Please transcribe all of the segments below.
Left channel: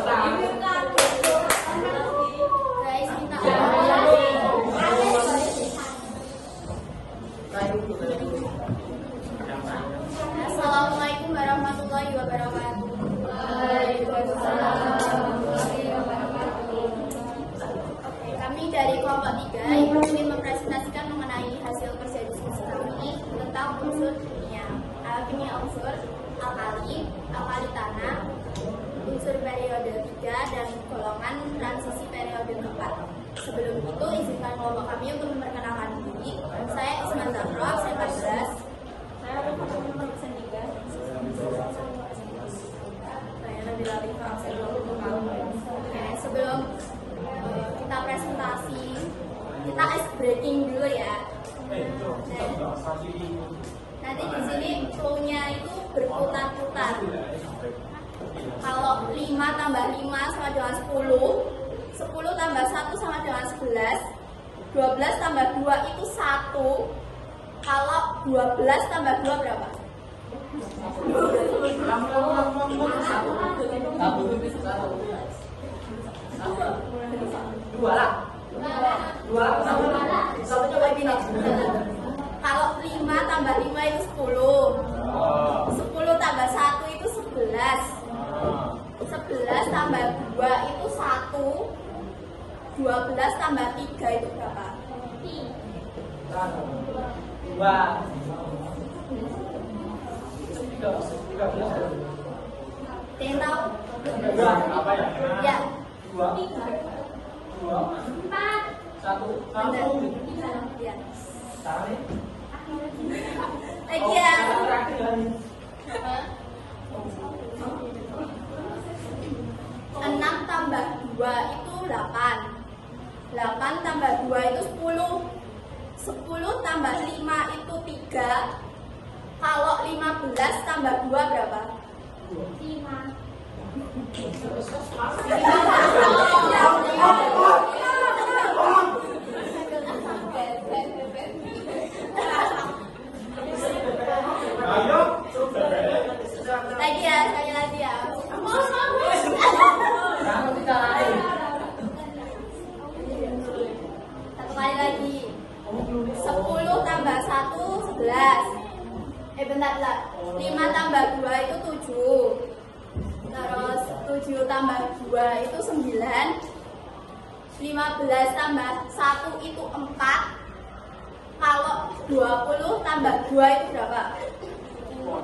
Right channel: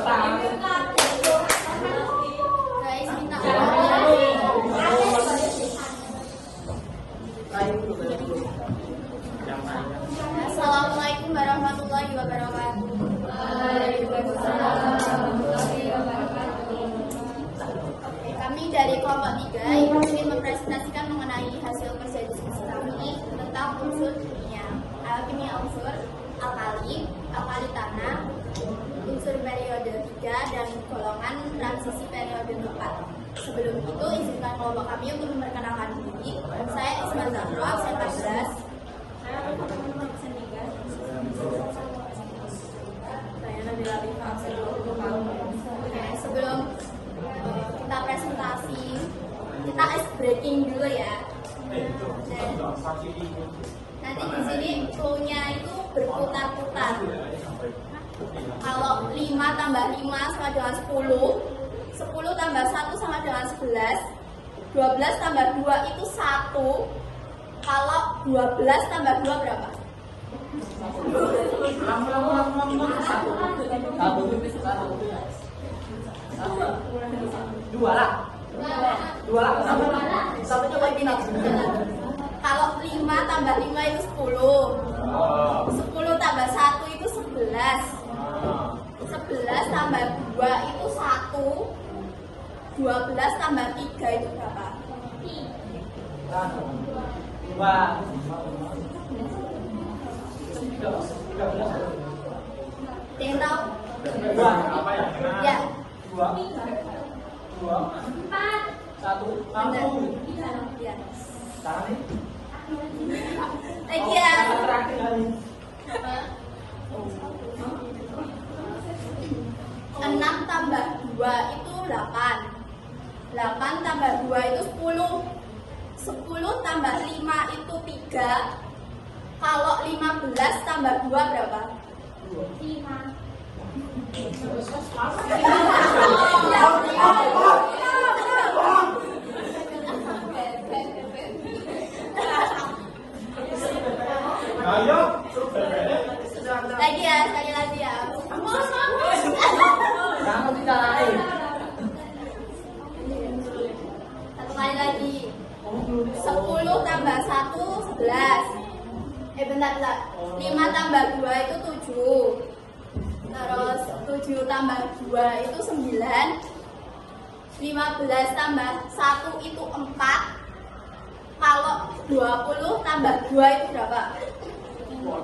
Assalamualaikum warahmatullahi wabarakatuh. Kami dari kelompok 3 ingin mempresentasikan mengenai hasil kerja diskusi kami tentang unsur kimia. Kimia unsur alkali, alkali tanah, unsur periode 3 dan golongan transisi periode 4. Sebelum itu, izinkan kelompok kami untuk memperkenalkan diri. Saya Isma Zahra, absen 14. Sebelum kita presentasi, kita ice breaking dulu ya. Nanti di sini flow-nya itu berputar-putar. Kalau 5 tambah 5 sama dengan 10, 10 tambah 1 sama dengan 11, 12 tambah 2 itu 1. Kalau 12 tambah 2 berapa? 2 lah. Kalau 5 tambah 5 itu 10. 10 tambah 1 itu 11. 11 tambah 2 itu 1. 12 tambah 3 itu berapa? 2. 13 ada. Yang tahu? 2 apa ya? Ya. 2. 1. Benar. Ya. Sekarang ini. Lagi ya. 6 tambah 2 itu 8. 8 tambah 2 itu 10. 10 tambah 5 itu 3. Kalau 15 tambah 2 berapa? 5. Lagi ya, sekali lagi ya. Satu kali lagi. 10 tambah 1 11. Bentar. 5 tambah 2 itu 7. Terus 7 tambah 2 itu 9. 15 tambah 1 itu 4. Kalau 20 tambah 2 itu berapa? 10.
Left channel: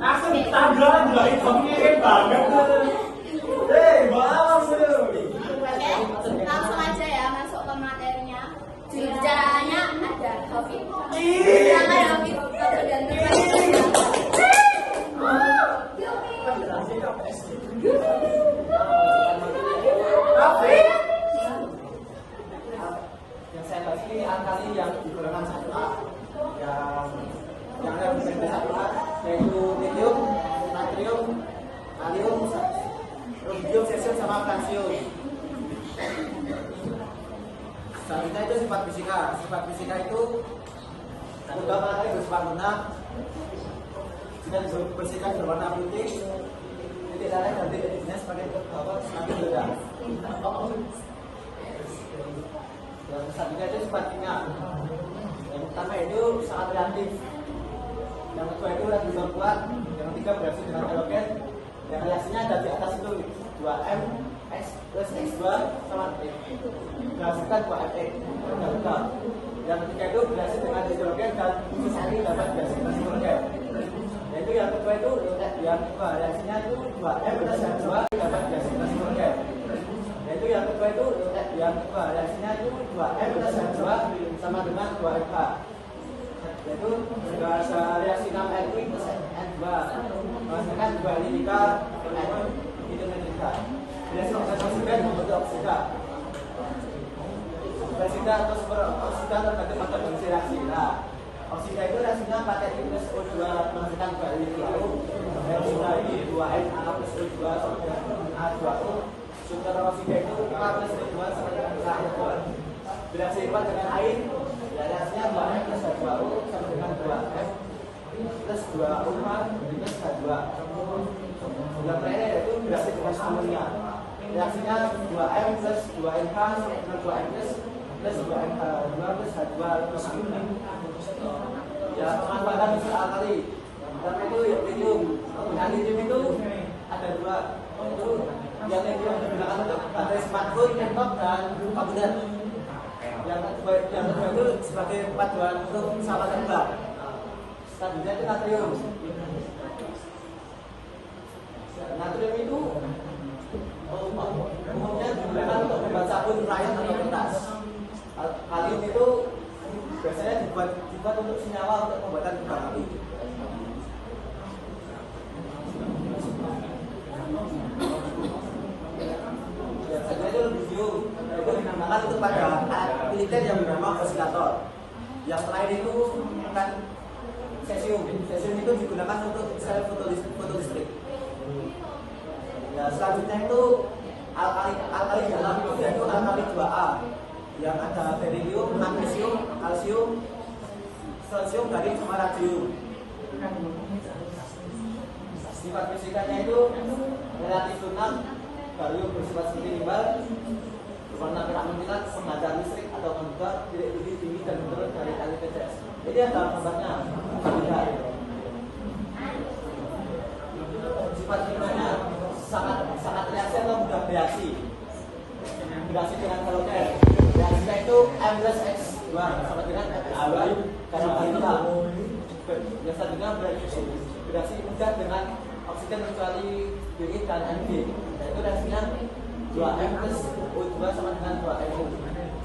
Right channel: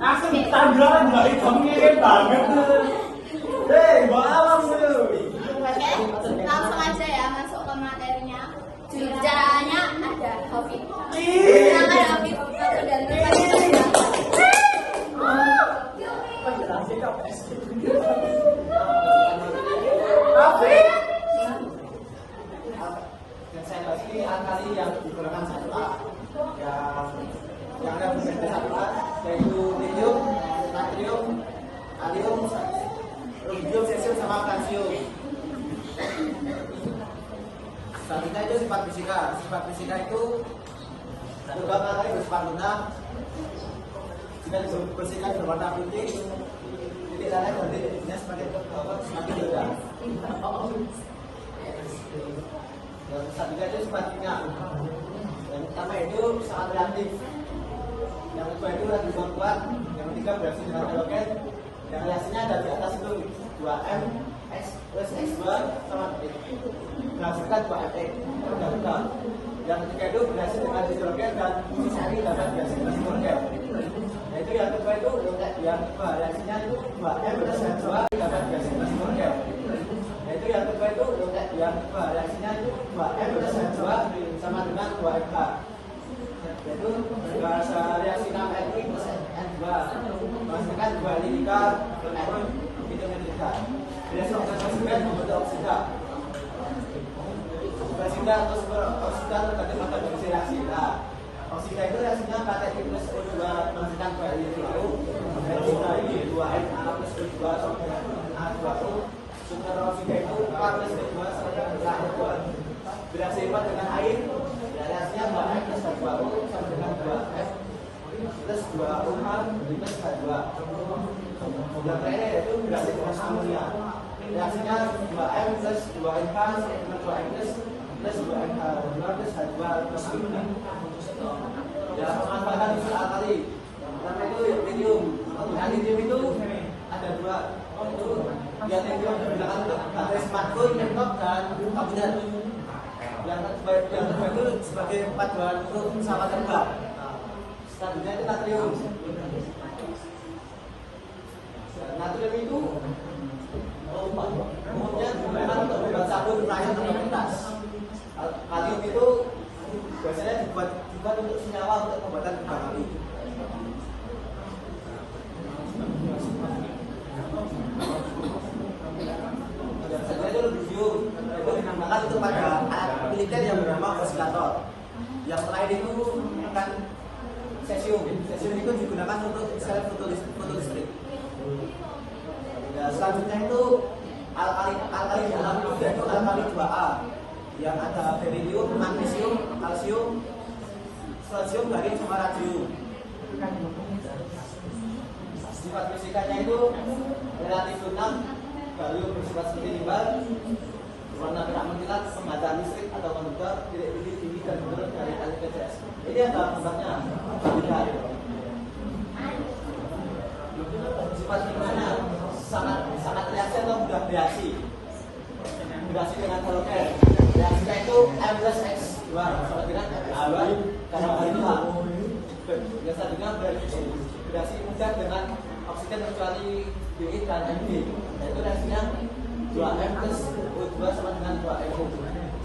Langsung tambahan dari kamunya banget. Oke, langsung aja ya masuk ke materinya. Juru bicaranya ada Taufik. Silakan Taufik. Yang saya bahas ini alkali yang digunakan 1A, yang bisa di 1A yaitu lithium, natrium, kalium, rubidium, cesium, sama kalsium. Selanjutnya itu sifat fisika. Sifat fisika itu beberapa kali bersifat lunak, jika dibersihkan berwarna putih, titik lain dan titiknya sebagai bawah nanti beda. Yang selanjutnya itu sifat kimia. Yang pertama itu sangat reaktif. Yang kedua itu reaksi kuat. Yang ketiga bereaksi dengan halogen. Dan reaksinya ada di atas itu 2M X plus X2 sama X. Menghasilkan 2X terbuka. Yang ketiga itu bereaksi dengan hidrogen dan ini dapat bereaksi dengan hidrogen. Yaitu yang kedua itu yang kedua reaksinya itu 2M plus X2 dapat bereaksi dengan hidrogen. Yaitu yang kedua itu yang kedua reaksinya itu 2M plus X2 sama dengan 2X. Yaitu reaksi 6Ni plus N2 menghasilkan 2 radikal hidrogen. Reaksi oksigen membentuk oksigen. Oksigen atau sumber oksigen tergantung pada kondisi reaksi. Nah, oksigen itu reaksinya KTP plus O2 menghasilkan 2 NiTrau, dan ini 2Na plus O2 sama dengan A2O. Sumber oksigen itu K plus O2 sama dengan KO2. Bereaksi cepat dengan air, ya reaksinya 2N plus H2O sama dengan 2F plus 2 UH plus H2. Yang terakhir yaitu reaksi dengan amonia. Reaksinya 2M plus 2NH plus 2M plus 2NH2 plus H2 plus amonia. Ya, manfaatkan unsur alkali. Karena itu lithium. Penggunaan lithium itu ada dua, yaitu yang lithium digunakan untuk baterai smartphone, laptop, dan komputer. Yang kedua itu sebagai paduan untuk pesawat terbang. Selanjutnya itu natrium. Natrium itu umumnya digunakan untuk membuat sabun, cairan, atau kertas. Kalium itu biasanya dibuat untuk senyawa untuk pembuatan kembang api. Yang kedua itu lithium, itu digunakan untuk pada alat militer yang bernama osilator. Yang terakhir itu kan cesium. Cesium itu digunakan untuk sel fotolistrik. Ya, selanjutnya itu alkali dalam itu yaitu alkali 2A yang ada berilium, magnesium, kalsium, strontium, barium, sama radium. Sifat fisikanya itu relatif tunak, barium bersifat seperti limbah, berwarna merah mengkilat, pemadam listrik atau menduga, tidak tinggi dan menurun dari LPCS. Ini adalah gambarnya. Sifat fisikanya sangat reaksi atau bukan reaksi. Reaksi dengan halogen. Reaksinya itu M plus X2 sama dengan X2 dalam hal ini. Yang selanjutnya bereaksi kemudian dengan oksigen kecuali BI dan NB, yaitu reaksinya 2M plus O2 sama dengan 2MO.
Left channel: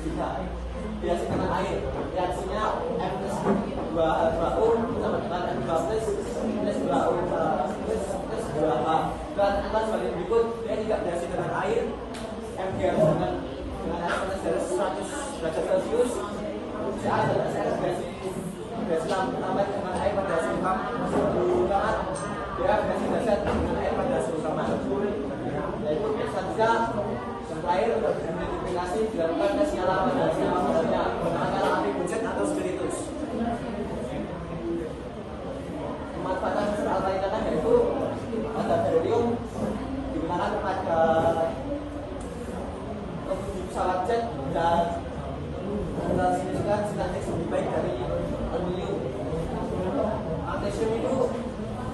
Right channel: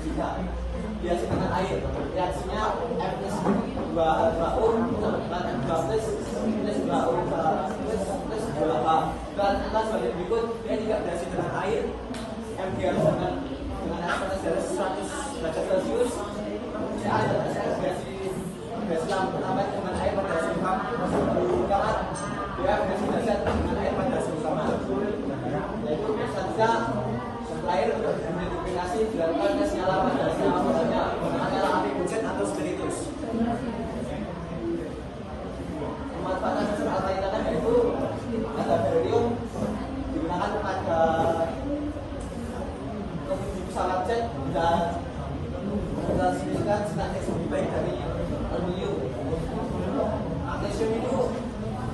Jika reaksi dengan air, reaksinya M plus 2O sama dengan M2 plus 2O plus 2H. Dan kita sebagai berikut, dia tidak reaksi dengan air, MgR dengan air pada garis 100 derajat Celcius, CA dan SR reaksi yang menambah dengan air pada garis 50 kamar, dia reaksi dasar dengan air pada garis 10 kamar. Yaitu selanjutnya yang terakhir untuk dimultifikasi dilakukan tes nyala pada garis 5 kamarnya antara api buncit atau spiritus. Pemanfaatan unsur alkali tadi yaitu ada berilium digunakan pada pesawat jet dan mentransmisikan sintetis lebih baik dari aluminium. Magnesium itu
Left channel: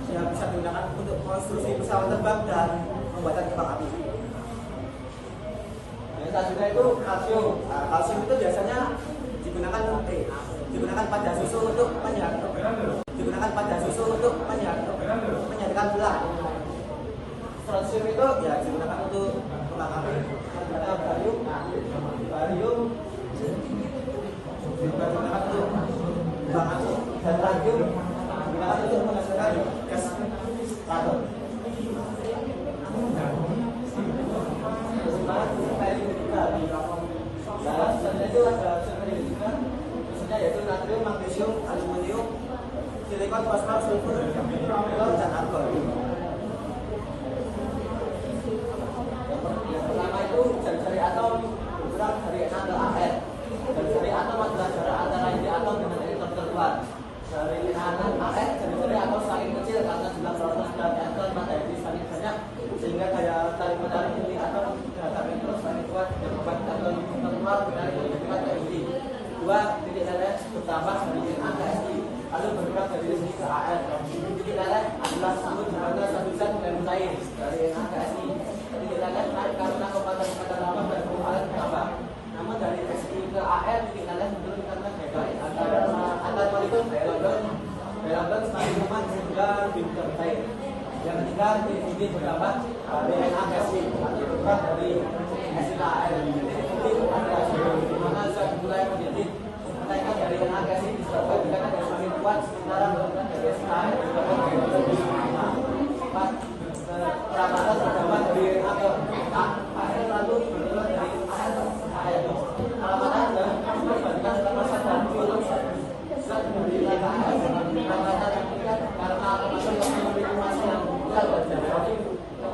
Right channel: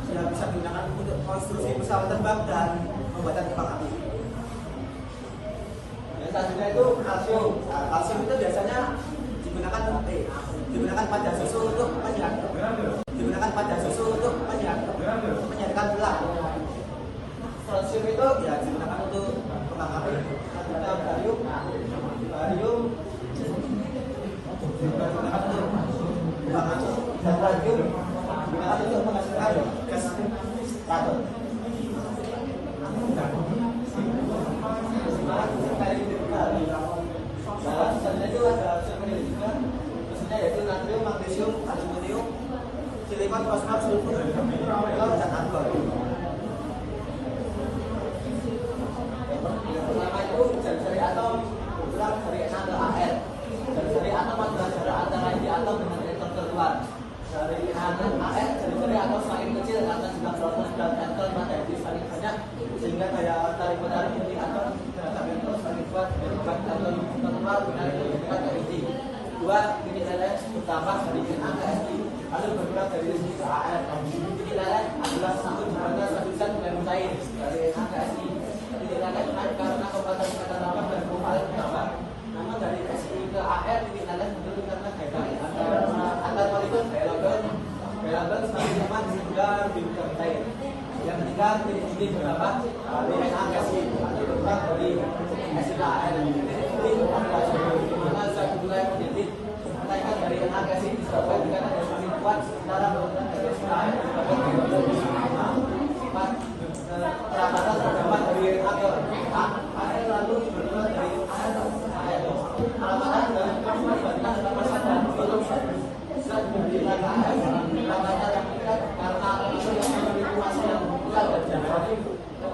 yang bisa digunakan untuk konstruksi pesawat terbang dan pembuatan kembang api. Yang selanjutnya itu kalsium. Kalsium itu biasanya digunakan pada susu untuk menyadarkan tulang. Strontium itu ya digunakan untuk kembang api. Selanjutnya barium digunakan untuk kembang api dan radium digunakan untuk menghasilkan gas radon. Selanjutnya itu adalah unsur periodika, isinya yaitu natrium, magnesium, aluminium, silikon, fosfor, sulfur, klor, dan argon. Yang pertama itu jari-jari atom bergerak dari Na ke Ar. Jari-jari atom adalah jarak antara inti atom dengan elektron terkuat. Dari Na ke Ar, jari-jari atom saling kecil karena jumlah proton dan elektron pada inti saling banyak, sehingga daya tarik menarik inti atom terhadap elektron saling kuat dan membuat atom terkuat menarik lebih kuat dari inti. Dua, titik leleh pertama dari Na ke Sd, lalu bergerak dari Sd ke Ar. Titik leleh adalah disebut dengan satu zat dari lain dari Na ke Sd. Titik leleh naik karena kekuatan tanaman dan kekuatan bertambah. Namun dari Sd ke Ar, titik leleh menurun karena daya tarik antar molekul daya lambang semakin lemah hingga lebih cair. Yang ketiga, titik bertambah dari Na ke Sd atau bergerak dari Sd ke Ar. Itu adalah di mana zat mulai menjadi kenaikan dari Na ke Sd disebabkan dengan semakin kuat sekarang berubah dari Sd ke Ar perabatan terdapat dari Na ke Ar lalu berubah dari Ar ke Ar. Perabatan dan perbandingan lepasan dan perubahan zat dari Na ke Ar perabatan yang karena akan masuk ke memiliki massa yang besar dan jadi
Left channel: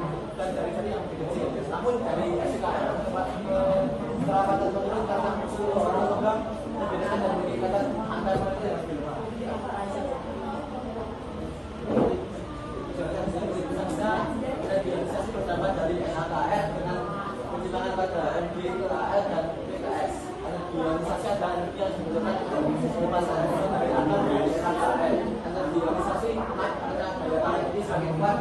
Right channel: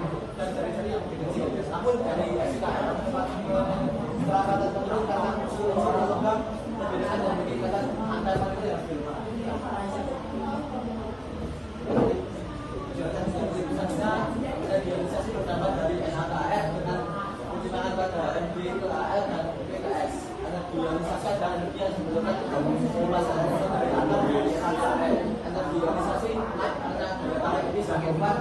bukan cari-cari yang kecil. Namun dari SKM tempat keselamatan pengunjung karena seluruh program membedakan dan meningkatkan angka itu yang berubah. Regionalisasi pertama dari NHKR dengan pertimbangan pada MD ke AR dan PKS. Regionalisasi adalah energi yang digunakan untuk pemasaran dari antar di NHKR. Regionalisasi naik karena daya tarik ini semakin kuat,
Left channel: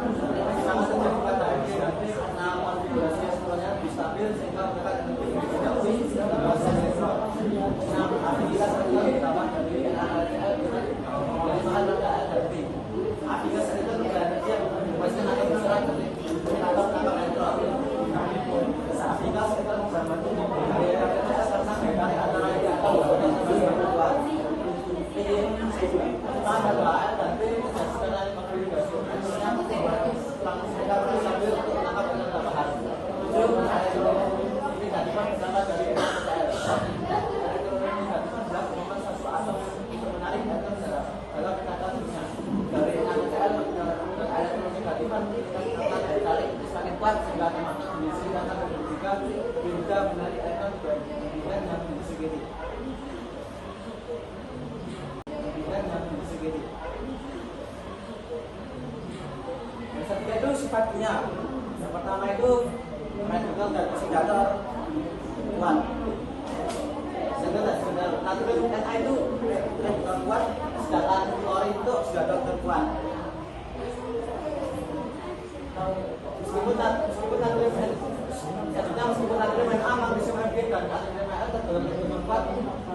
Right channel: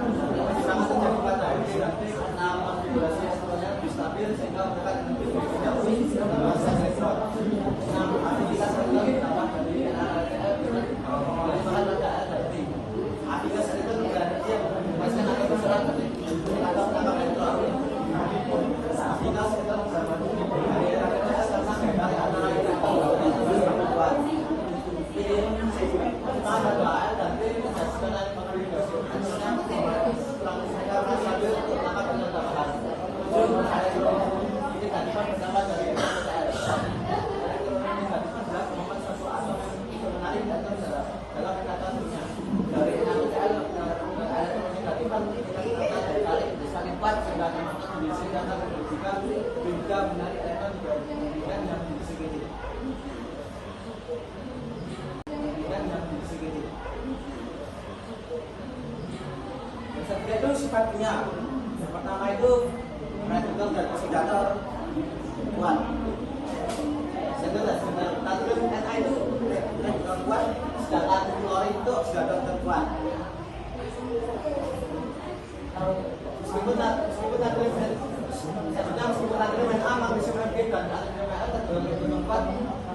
sangat terjadi pada MD dan P karena konfigurasi ekspornya stabil sehingga menekan energi produksi dan elektron. Nah, aktivitas sektor ditambah dari NHKR dengan pertimbangan pada AR dan P. Aktivitas sektor energi yang menyebabkan akan berserang dari penangkap elektron. Aktivitas sektor mengamati dari RRS karena daya tarik antara yang kuat. Ini pertimbangan pada AR dan P berdasarkan konfigurasi ekspornya karena stabil untuk menangkap energi tambahan. Tujuan ini ketifan berangkat dari NHKR. Ketifan adalah kemampuan satu atom untuk menarik atom dalam katakannya dari NHKR menggunakan elektronik ketifan dengan daya tarik semakin kuat sehingga akan dihasilkan juga menarik elektron dengan yang disegini. Yang ketiga itu sifatnya. Yang pertama itu reduktor dan oksidator kuat. Natrium Na itu reduktor kuat, sedangkan klorin itu oksidator terkuat. Meskipun natrium Na mampu bisa menjadikan natrium Na tergolong lebih kuat,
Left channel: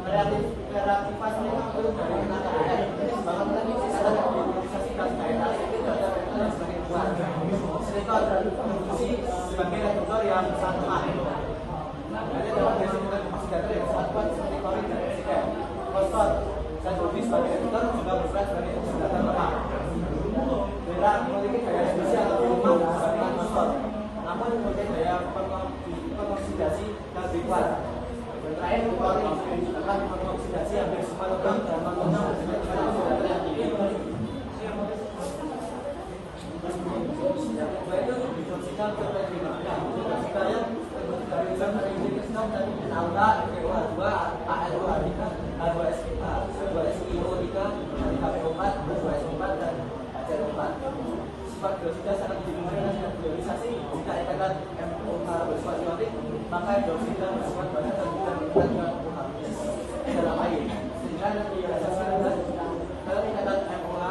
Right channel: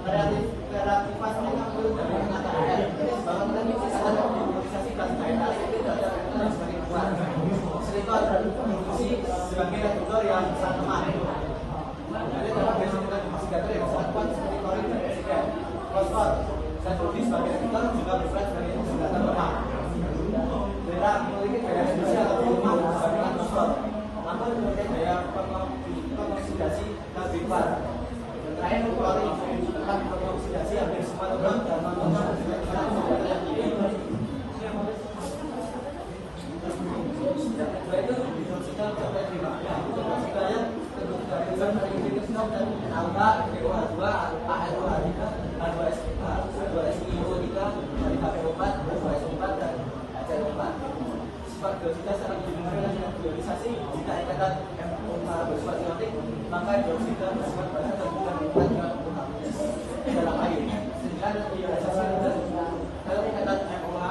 reaktifasinya mampu dari NHKR. Bahkan misalkan dimobilisasikan daya tarik itu terhadap reduktor yang semakin kuat. Oksidator berfungsi sebagai reduktor yang sangat lemah. Jadi tempat dari dengan oksidator yang sangat kuat seperti klorin dan oksigen. Fosfor dan bodi sebagai reduktor juga berperan sebagai oksidator lemah. Berak memiliki daya reduksi atau lemah dibandingkan fosfor, namun memiliki daya pengoksidasi lebih kuat. Dan terakhir klorin akan pengoksidasi hampir semua logam dan non-logam bersifat oksidator yang tinggi. Yang kedua itu hidroksital sampai hidroksitalnya dan aura CO2, AL2, H2SiO3 dari HPO4, H2SO4 dan HCO4. Sifat hidroksida sangat dipengaruhi dengan hidrolisasi. Jika ikatan MOH bersifat ionic, maka hidroksida bersifat banyak dan juga menyebabkan dengan OH dalam air. Sedangkan ionisasi kalau ikatan MOH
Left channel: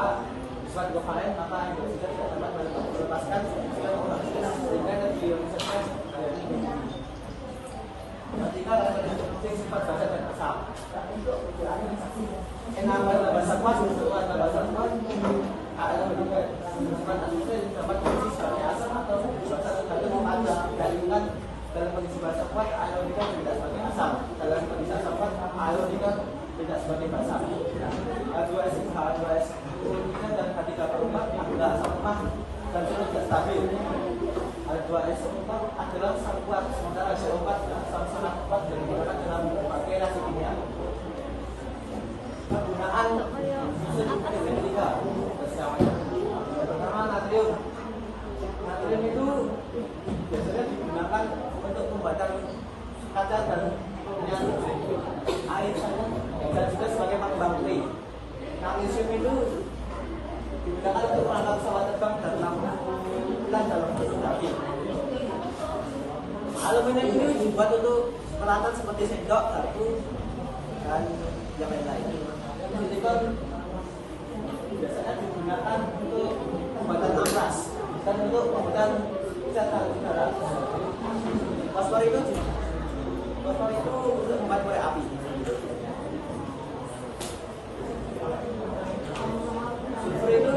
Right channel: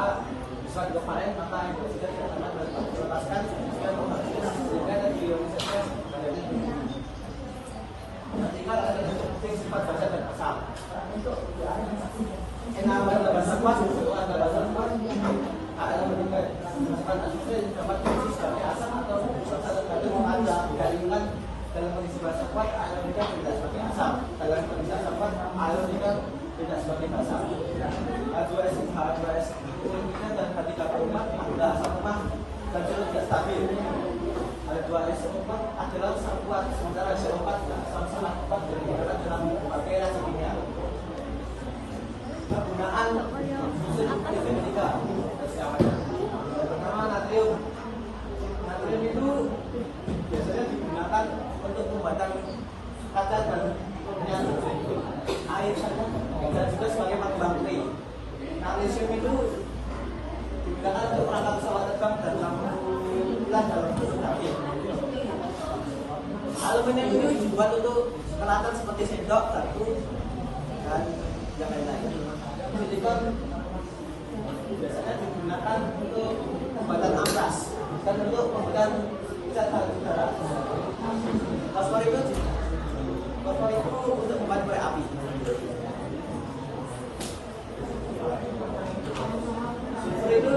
bersifat kovalen, maka hidroksida tidak dapat melepaskan dan OH sehingga ionisasinya menjadi sifat basa dan asam. Enamal bahasa kuat, bahasa kuat, ada bentuknya sifat asumsi dapat berfungsi sebagai asam atau salah satu ada jaringan dalam kondisi bahasa kuat, aeronika tidak sebagai asam. Dalam kondisi asam kuat, aeronika tidak sebagai basa. H2SO dan H3O4 adalah asam lemah dan tidak stabil. H2SO4 adalah asam kuat, sementara HCO4 sangat kuat dan digunakan dalam berbagai reaksi kimia. Penggunaan susun kinetika. Pertama natrium. Natrium itu biasanya digunakan untuk pembuatan kaca dan kemudian air saja dan juga sebagai pengembang kue. Magnesium itu digunakan untuk perangkat pesawat terbang dan lampu bulan dalam bentuk tabir. Aluminium itu dibuat untuk peralatan seperti sendok, garpu, dan yang lain-lain. Silikon biasanya digunakan untuk pembuatan amplas dan untuk pembuatan cat udara. Fosfor itu untuk membuat korek api. Sulfur itu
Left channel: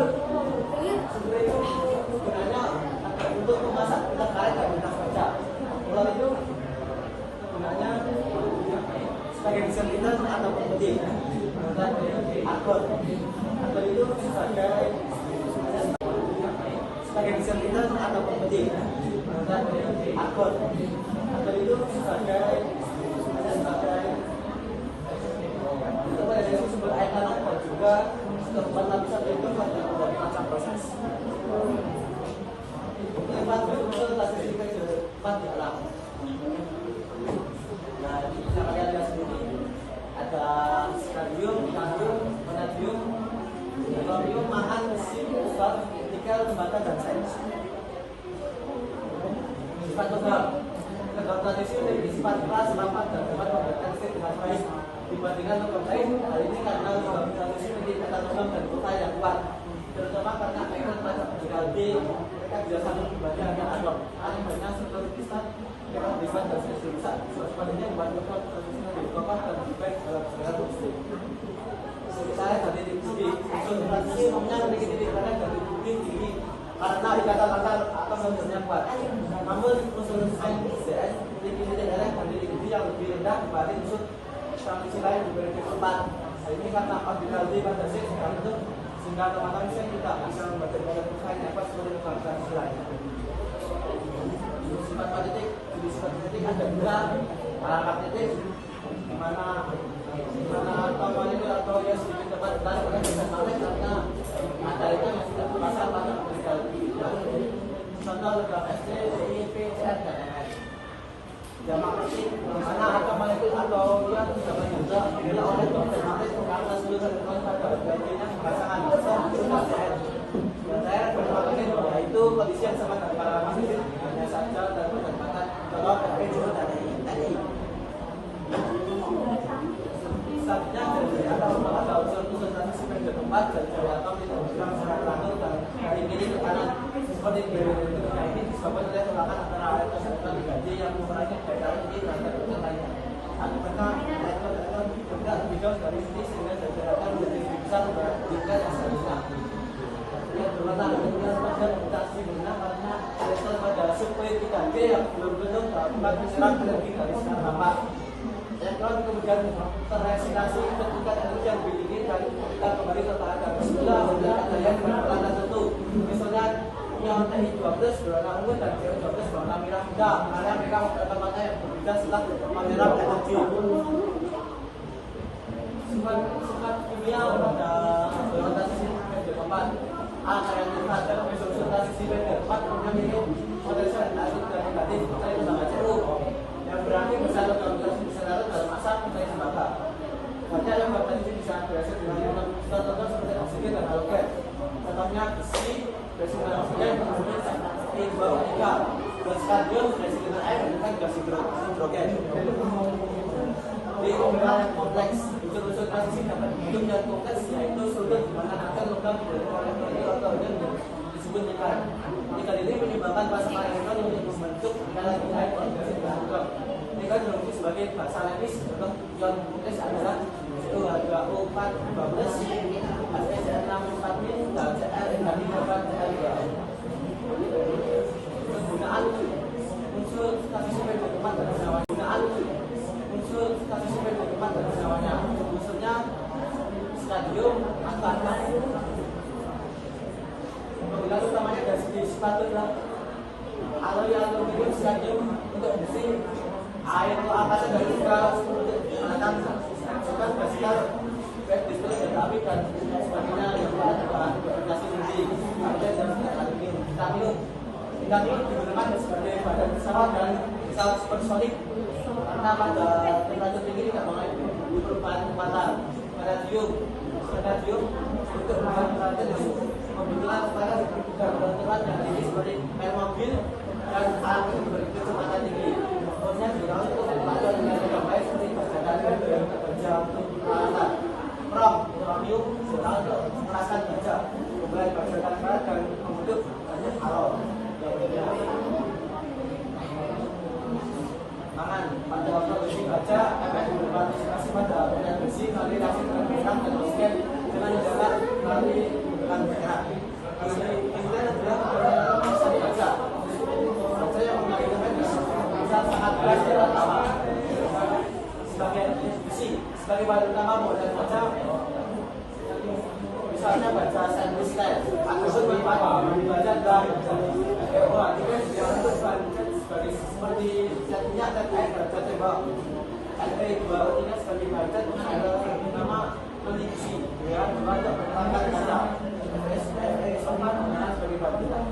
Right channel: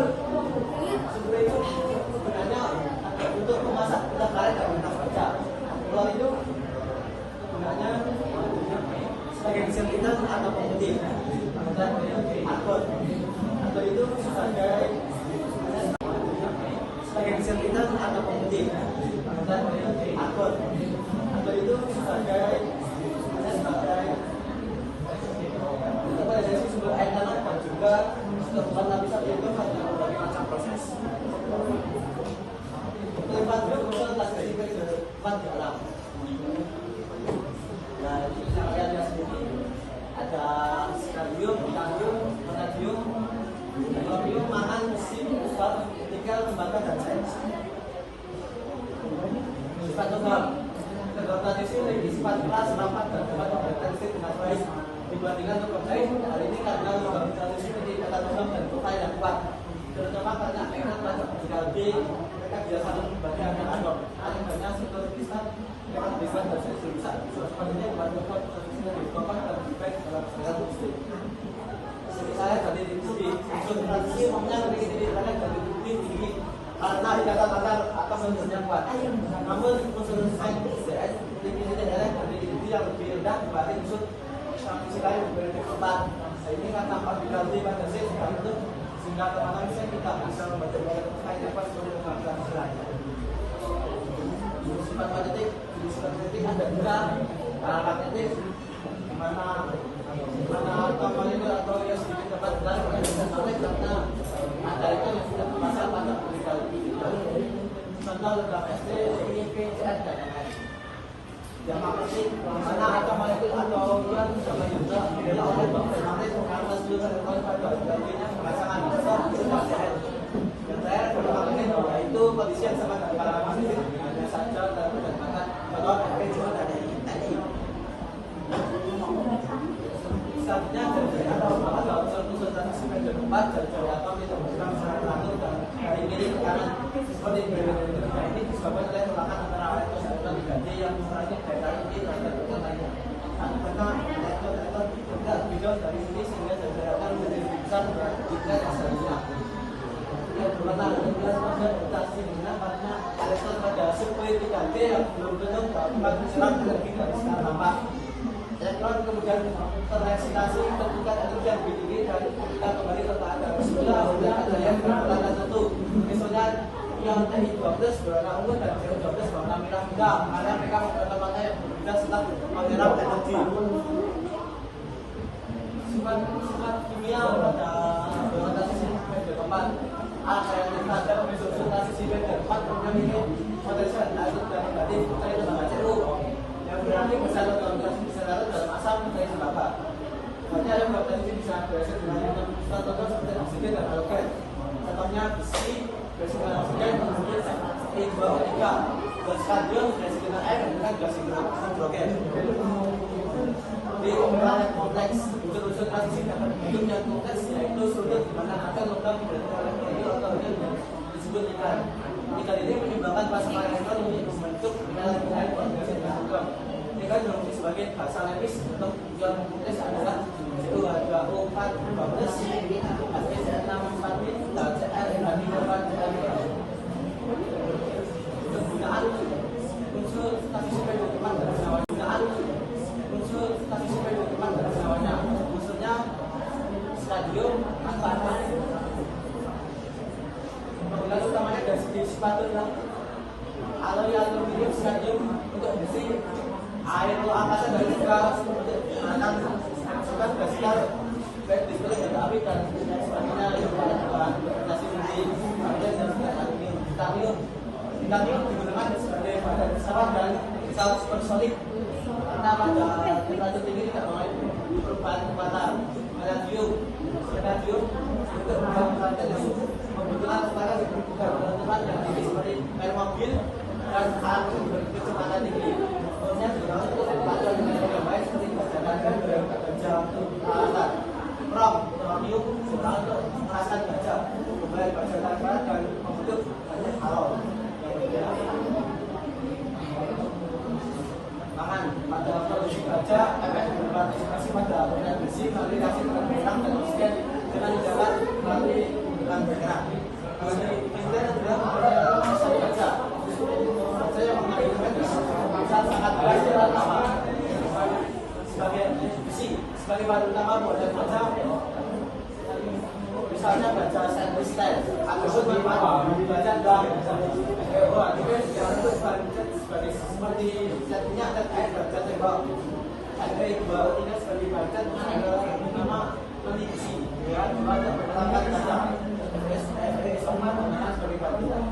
gunanya untuk memasak ulang karet dan ulang kerja. Klor itu gunanya sebagai disinfektan atau pemutih. Dan argon itu sebagai disinfektan atau pemutih. Dan argon itu sebagai untuk mendeteksi sumber air tanah dan juga tempat lapisan itu pada berbagai macam proses. Tempat berusaha terjadi ke depan di alam. Dan bisa kalian lihat sendiri ada stadium, vanadium, mangan, sifat, nikel, tembaga, dan sains. Sifat tunggal. Kedokteran itu memiliki sifat keras, rapat, dan dapat berkompetensi dengan baik dibandingkan dokter lain. Hal ini karena kedokteran itu memiliki kata tunggal dan profil yang kuat. Terutama karena mereka banyak bergalbi, mereka biasa membaca ada banyak sektor besar yang bisa dan bisa. Sebenarnya buat dokter terusnya lebih kompak dan baik dalam segala muslim. Saya tadi di sini, konsentrasi umumnya memiliki diri dan tinggi karena dikatakan atau menjadi kuat. Namun unsur sains dan tinggi yang lebih rendah dibanding unsur sains lain diberi keempat. Ini karena apabila dibatasi itu sehingga teman-teman saya tidak bisa membaca dalam hanya pas menggunakan lainnya. Sifat politik ada dua politik mana atau itu atau ya sedikit tempat banyak yang bisa tarik karena ada itu yang tidak terbaca pada mereka. Contoh dalam SD, IIP, dan jamaah kecil mana atau politik atau yang sama juga bila oleh pemerintah karena seluruh kontak janjinya pasangan dan saya berpikir bahwa itu kondisi yang sama dengan para mahasiswa hanya saja dan mendatangkan bahwa saatnya ada suatu yang keempat dari atau yang sedang sangat dan dari ini karena seperti ini disebabkan oleh kebakaran antara air dan diganti yang ukurannya daerah ini dan lainnya. Karena elektronikal juga video dari sini sehingga kesehatan lebih besar jika asalnya. Yang berwarna pada mutasi guna karena elektron pada supaya diganti yang belum dapat diserap dari garis tambah. Elektron kemudian terresinasi ketika energi yang tinggi dan kita kembali ke keadaan semula untuk kalian berwarna tertentu. Misalnya yang T12 berwarna ungu dan T12 berwarna merah muda karena mereka pertama-tama yang berbeda setelah menyerap teknologi. Sifat kimia pada berwarna sisi keempat yang kita dalam mensusun sisi keempat memiliki potensial negatif dan negatif dari lembaga CU yang berarti bersatu dalam asal menjadi lembaga. Saja yang berpotensi bisa berhasil dengan contohnya seperti oksigen dan halogen. Contohnya besi, dengan oksigen seperti H2O3 dan stadium dengan air dengan gas hidrogen. Di pembedahan kompleks, unsur-unsur asisi dapat hidup dan kompleks yaitu sudut di mana akan logam oleh atau yang disebut ikan. Ikan ini menyebabkan pasangan elektron untuk membentuk nilai organisasi dan logam. Ikan berfungsi sebagai bahasa lepis untuk ion kompleks adalah H2O4 12, HCl6 dan Cl3 untuk gunaan unsur statistik dokumen pada senyawa unsur statistik dokumen pada senyawanya unsurnya stadium angkanya kemudian utamanya dari segi sepatu yang alloy aluminium stadium untuk besi air angkanya dari kita untuk anak bukan besar baik listrik dan api dan sebagainya yang bahan beraplikasi besi kemudian yang aluminium titanium digunakan sebagai bahan pesawat dan pesawat supersonik karena pada temperatur tinggi tidak mengalami perubahan kekuatan. Vanadium untuk membuat yang membutuhkan kebetulan yang tinggi seperti air mobil dan api berkecepatan tinggi. Kemudian digunakan untuk membuat dengan baik seperti bajakan dan kerja peralatan. Uranium digunakan untuk merasakan baja, memulai bajakan dan membentuk banyak alloy yang berbeda. Pangan pada waktu besi baja akan berpartisipasi pada benda besi melalui reaksi pengembang dan oksigen dengan menjaga melalui bulan bergerak. Kemudian adalah masa baja. Baja yang menghasilkan bisa sangat berat utama sebagai besi sebagai bahan utama buatan baja. Misalnya baja sandwich style atau seperti baja dan itu sebagai seperti jadinya dan air baja tembak. Ada dua utinya sebagai baja nama konstitusi, ya, terhadap pertentangan kata. Sama dengan sebagai bantuan.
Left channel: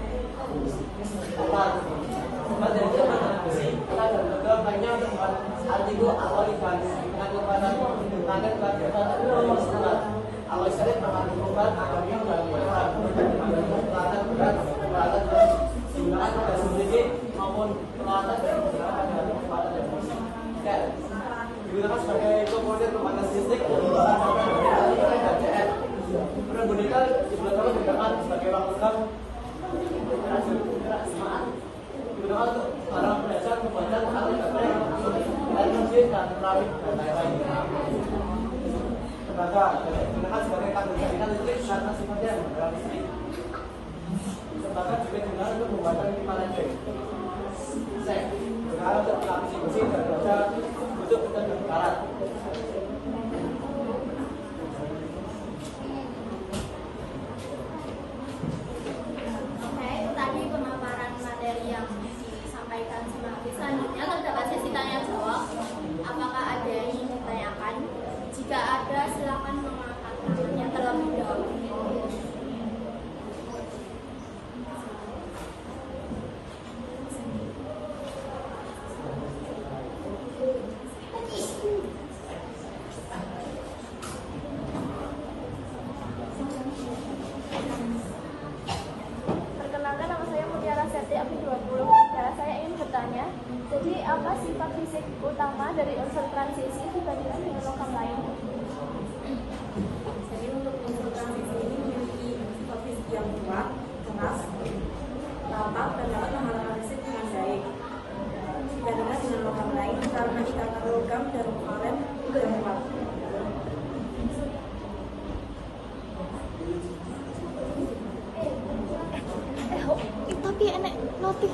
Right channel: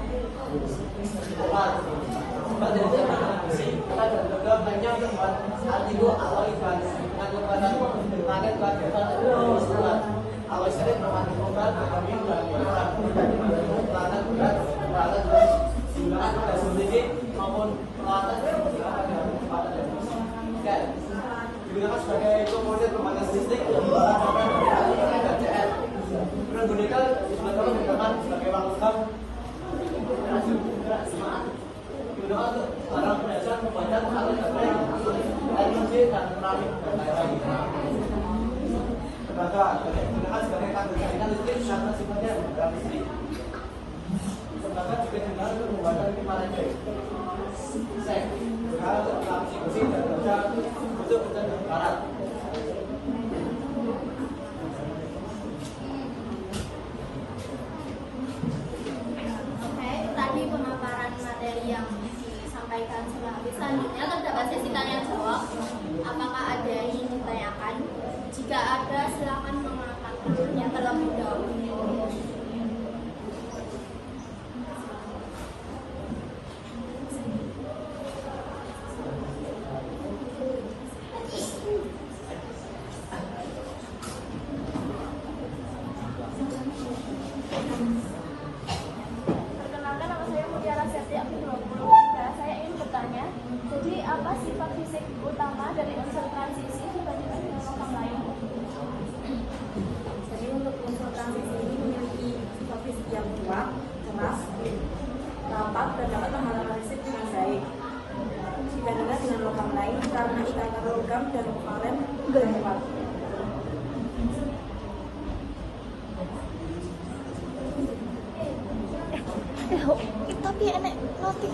Pada konstitusi, kita juga banyak teman artikel awal ikan dengan kepada tangan pelajaran dan surat. Awal sering mengajukan yang dan peralatan berat, peralatan berat digunakan pada sendiri maupun peralatan yang digunakan pada peralatan yang berbeda. Digunakan sebagai komponen pemanasan listrik yang merupakan komponen dan CN. Kemudian boneka digunakan sebagai uang lengkap digunakan untuk barang pengajar pembuatan alat baterai, air bersih dan keramik dan lain-lain. Tembaga digunakan sebagai kandung jaringan listrik karena sifatnya adalah listrik. Tembaga juga digunakan untuk membuat kipasan listrik. Seng digunakan untuk melapisi besi dan baja untuk barat. Oke, tadi pemaparan materi yang disampaikan sama Hafiz. Selanjutnya terdapat sesi tanya jawab. Apakah ada yang ingin ditanyakan? Jika ada, silakan mengangkat tangannya terlebih dahulu. Perkenalkan, nama saya Mutiara Sesi Abdul. Nah, saya ingin bertanya, jadi apa sifat fisik utama dari unsur transisi dibandingkan dengan logam lain? Jadi untuk unsur transisi ini memiliki sifat fisik yang kuat, keras, rapat, dan dapat menghasilkan listrik dengan baik. Dibandingkan dengan logam lain karena ikatan logam dan kovalen kurang kuat. Tapi enek nanti.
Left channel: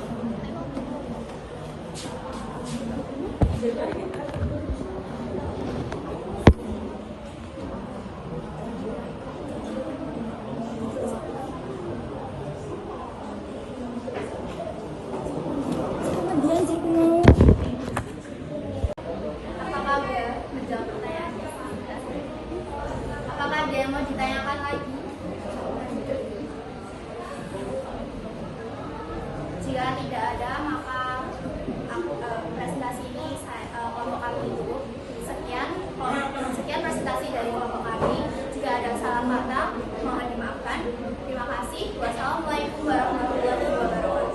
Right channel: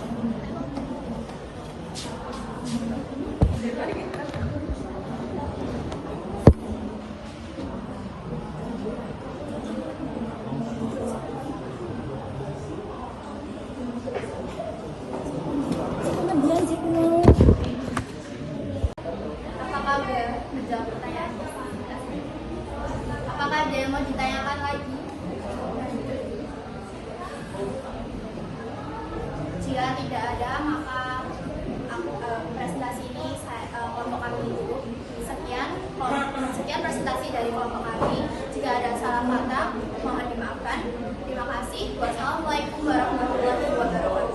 Apakah ada menjawab pertanyaan? Apakah ada yang mau ditanyakan lagi? Jika tidak ada, maka presentasi ini kelompok kami tutup. Sekian presentasi dari kelompok kami. Jika ada salah kata, mohon dimaafkan. Terima kasih. Wassalamualaikum warahmatullahi wabarakatuh.